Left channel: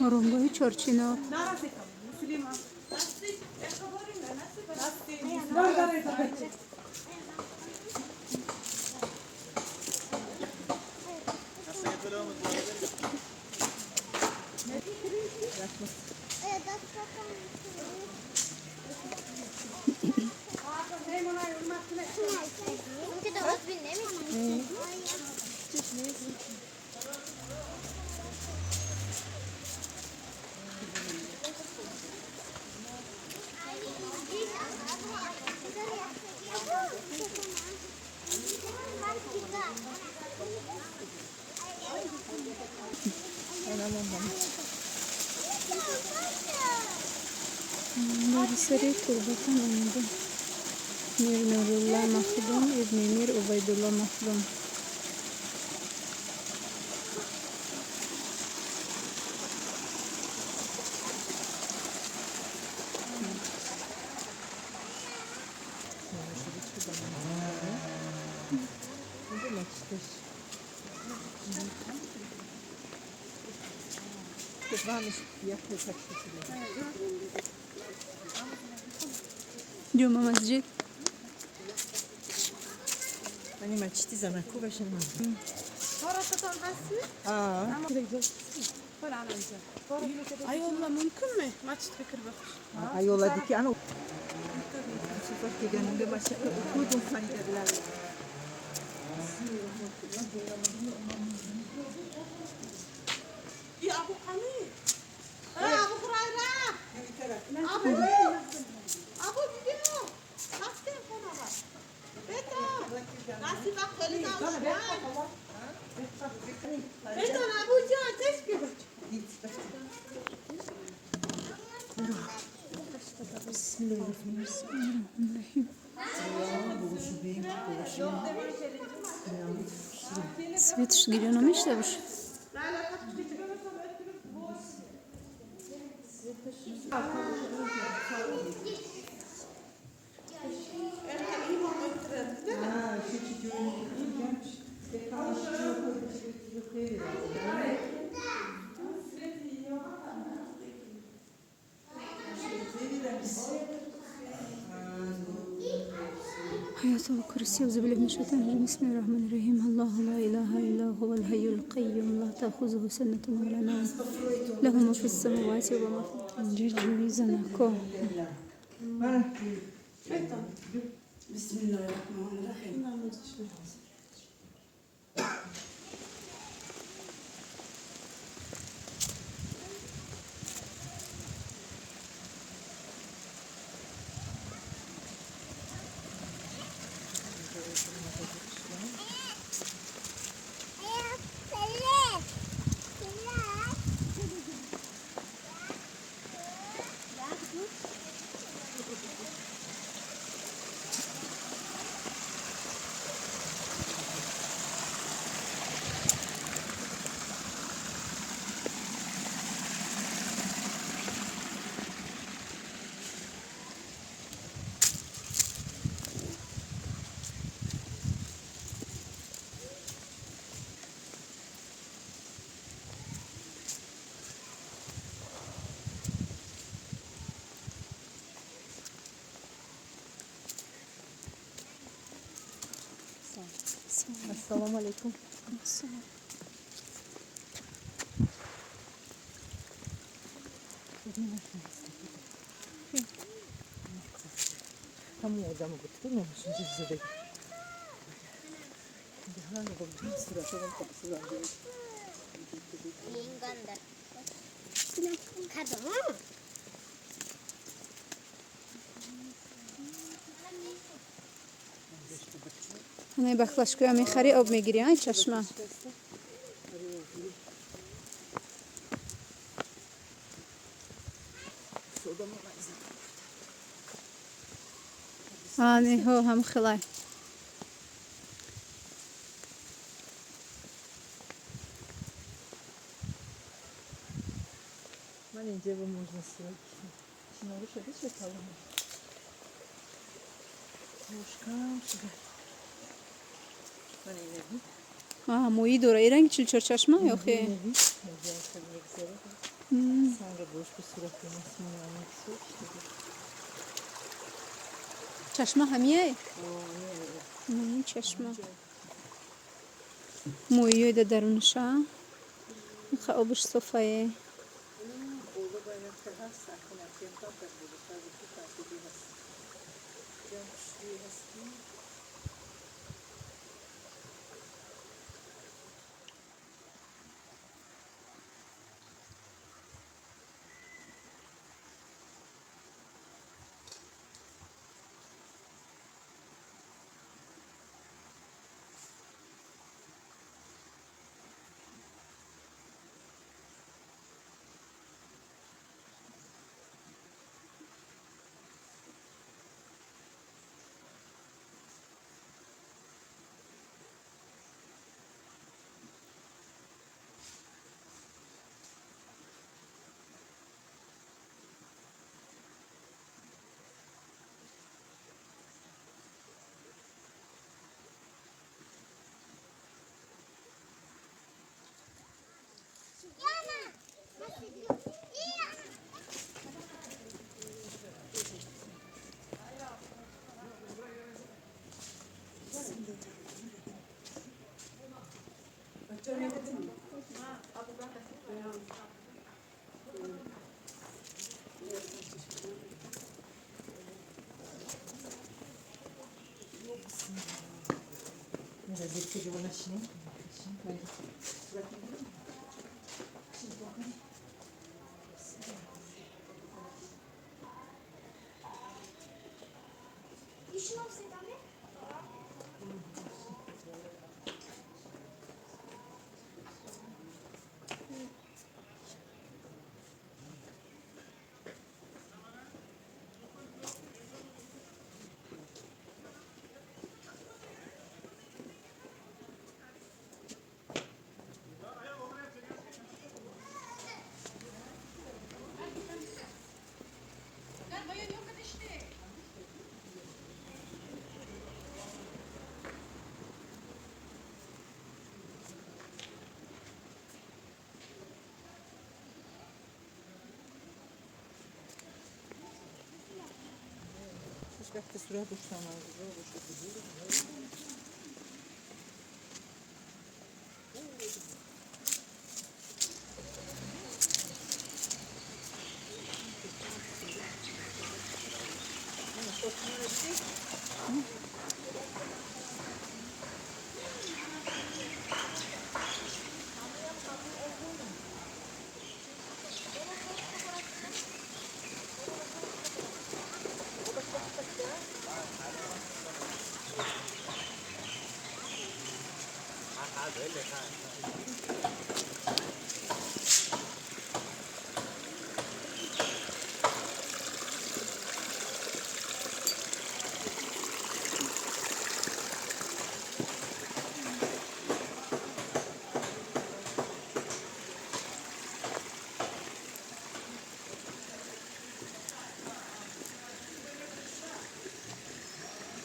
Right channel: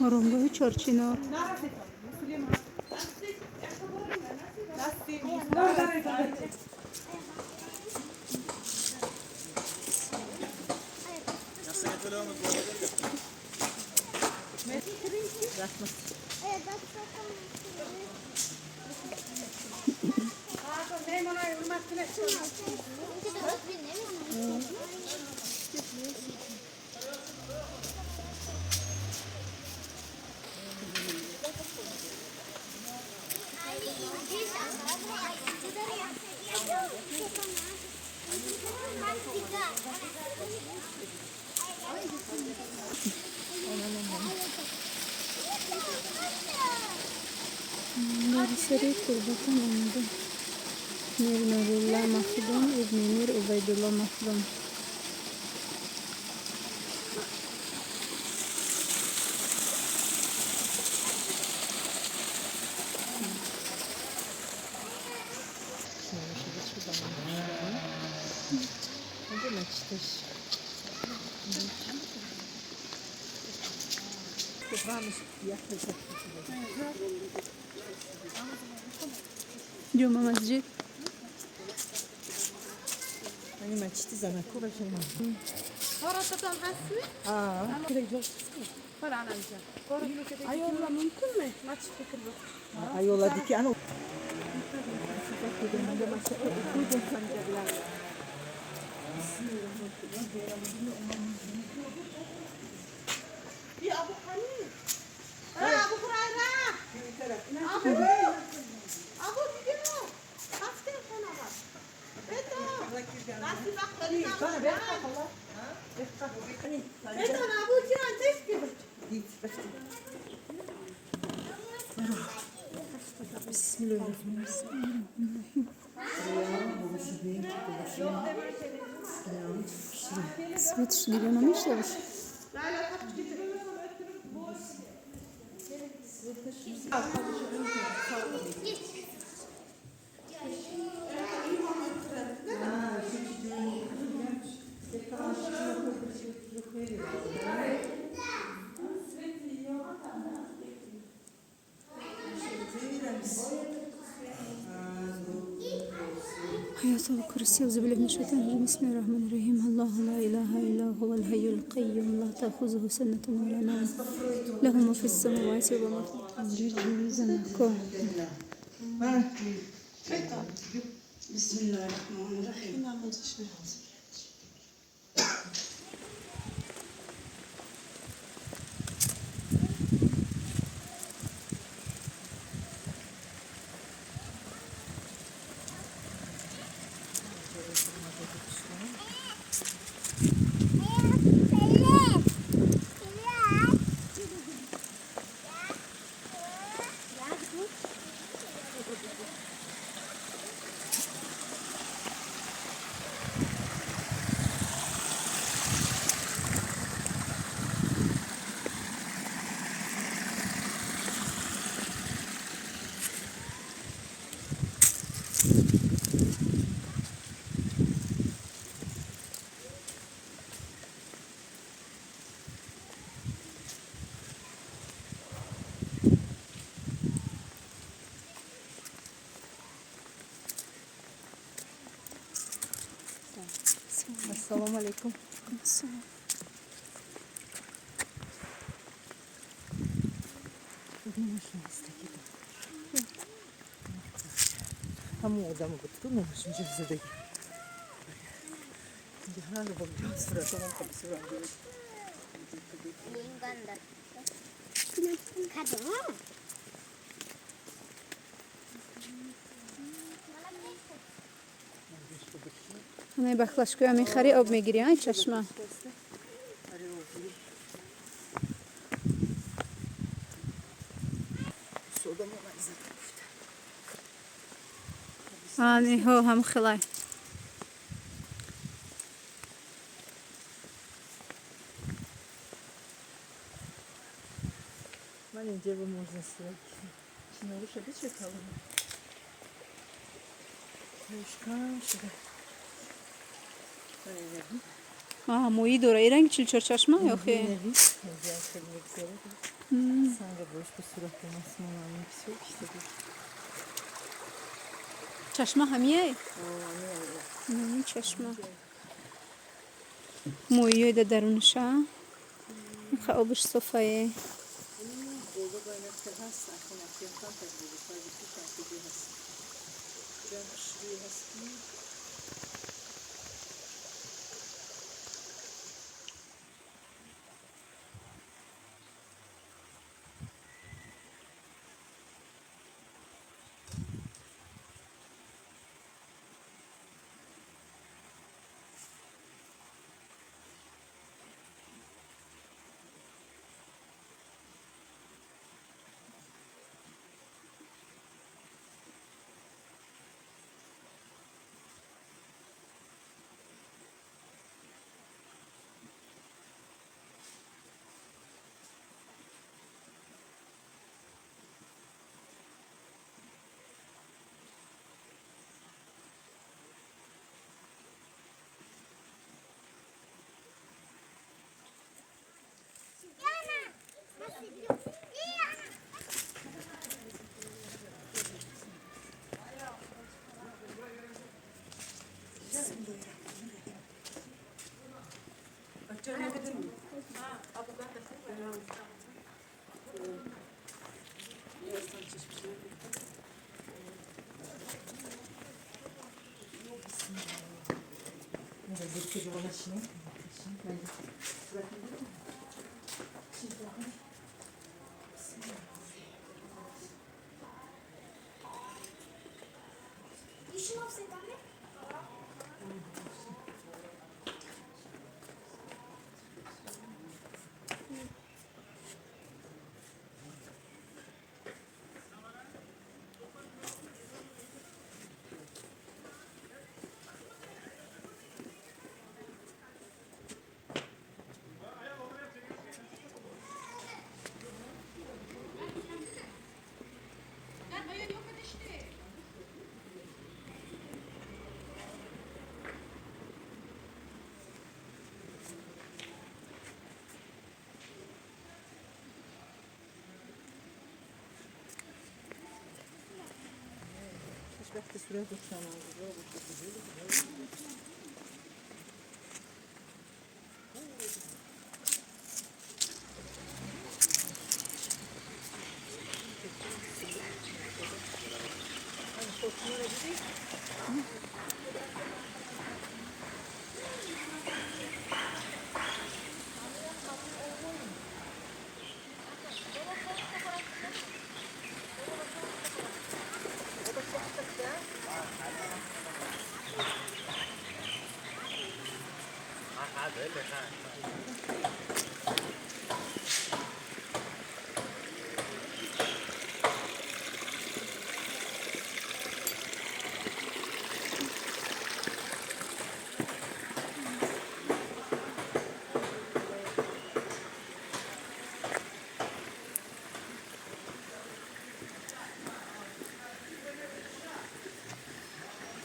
آرامگاه چارچینار. دارسری تربتان آمده. میر نورالله مخدوم ابن میر عبیدالله مخدوم. جمعه مسجد یعنی مسجد زنکو باشه من Orasıdan resi? Falan anca. Ayolla mümkün mü? Maçit fikir bak. ayola diki ana dediğinde maçta okudum sanırlar. Ya Abu Hamid. Abu Kurayla. Abu gidiyor. Nasıl sana bak? Nasıl bak sana bak. Beton Abu Can teşkil. Bismillahirrahmanirrahim. Свет гирёнами что уж. آية الكرسي أعوذ بالله من الشيطان الرجيم بسم الله الرحمن الرحيم الله لا إله إلا هو الحي القيوم لا تأخذه سنة ولا نوم له ما في السماوات وما في الأرض زنكو. بسم الله الرحمن الرحيم. Assalamu alaikum. Tam odamı tutulmamış mı bize de? Hala bakın sırasının kapısı var. Linganda. Kadın mı? همه بخلاشکویا میخری آب میگیری های چشمه. آنی هو هم خلای. Маленький его можно снять. Лучше вычекала. Мушка сюда. مویی دوره ای رنگ چل چشمه یا خیلی؟ Видно, нельзя ходить взять. Сам будешь по суроку на смену. Все, что چشمه همیه؟ نه چشمه مویی ده درونشه این آبش صفایه как-то сюда дошла надо.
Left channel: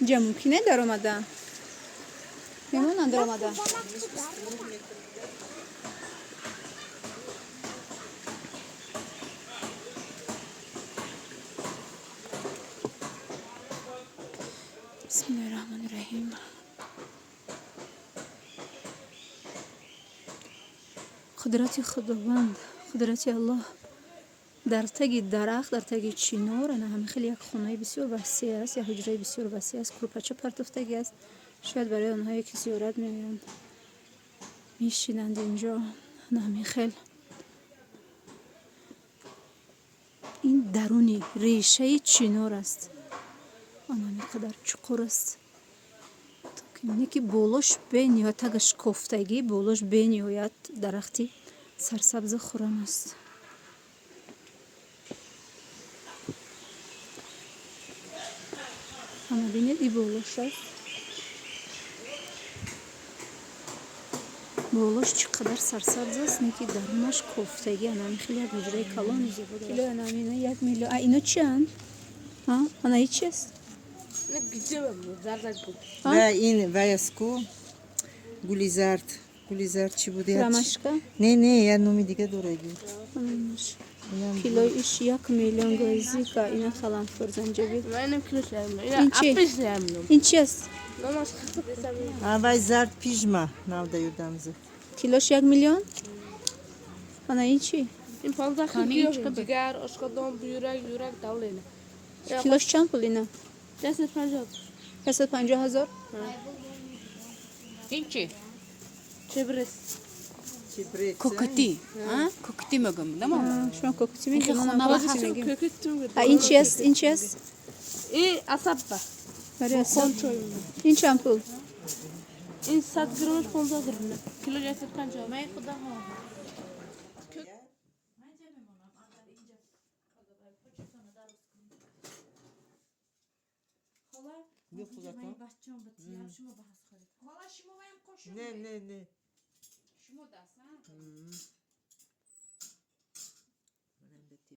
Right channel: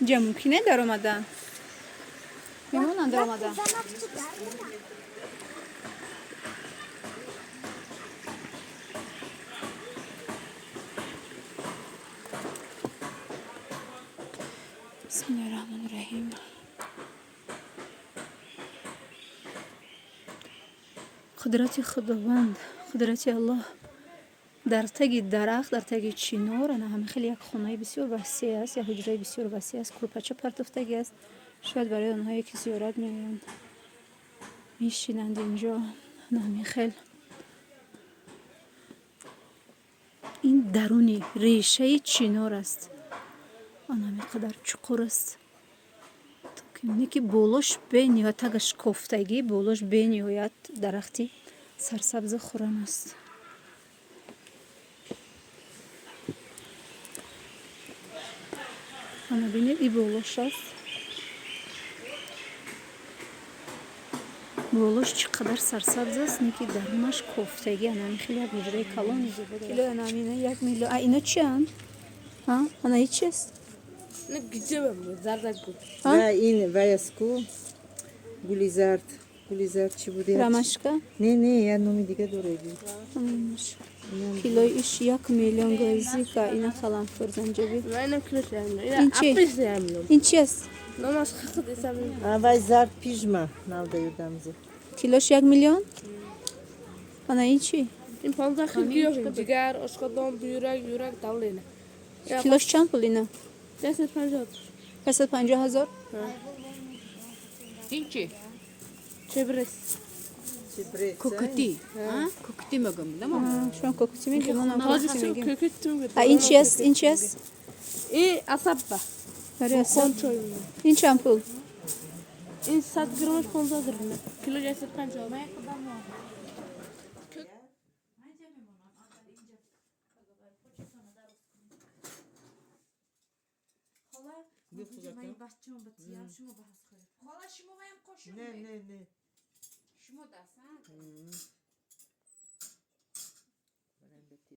جموکی در آمده نمون در آمده بسم الله الرحمن الرحیم قدرت خداوند قدرت الله در تگ درخت در تگ چینار نه همه خیلی یک خانه بسیار وسیع است یا حجره بسیار وسیع است کلوپچه پرتفتگی است شاید برای آنهایی که زیارت میآیند میشینند اینجا نه همین خیلی این درونی ریشه چینار است آن همین قدر چقور است تا که اینه که بولش بنیاد تگش کفتگی بولش بنیاد درختی سرسبز خورم است اما بینید ای بولش است болош чӣ қадар сарсабз аст, неки дарунаш кофтагӣ анами хеле як ҳуҷраи калони зебо дорад. Килои анамина 1 миллион. А ино чианд? Анаи чист? Ne güzel mi? Zardak bu. Ve in vayasku gulizart. Gulizart çi bude? Ромашка? Ne ya nomi diga doraydi. Килои иш 1 миллион гвоздика, ина каламфур, занҷабил. Ben ne kilo şey yapmıyorum. İn Ya çi? 60 şey yapmıyorum. Ин чи аст? Namaz kıldı desem. Ha vay zart pijma navda yurdamızı. Килош 1 миллион? Анаи чи? İn fazla kılıyor. Ciğer, oskadan, yürek tavlayla. Килош чанд пул ина? Desi panjat. 550 000? Инчи? Çeviririz. Çiprek. Кукути. Кукути мегам, да ма? Шумо кокути мегим, манам кокути мегим. Kökü tüm. А ин чи аст? Ин чи аст? İyi asabba. Бари асаб. Kontrol. Ин чанд пул? İn sat gırmız kontrol gırmız. Kilo cesi panjat. Yok uzaktan. Ne. شما دستن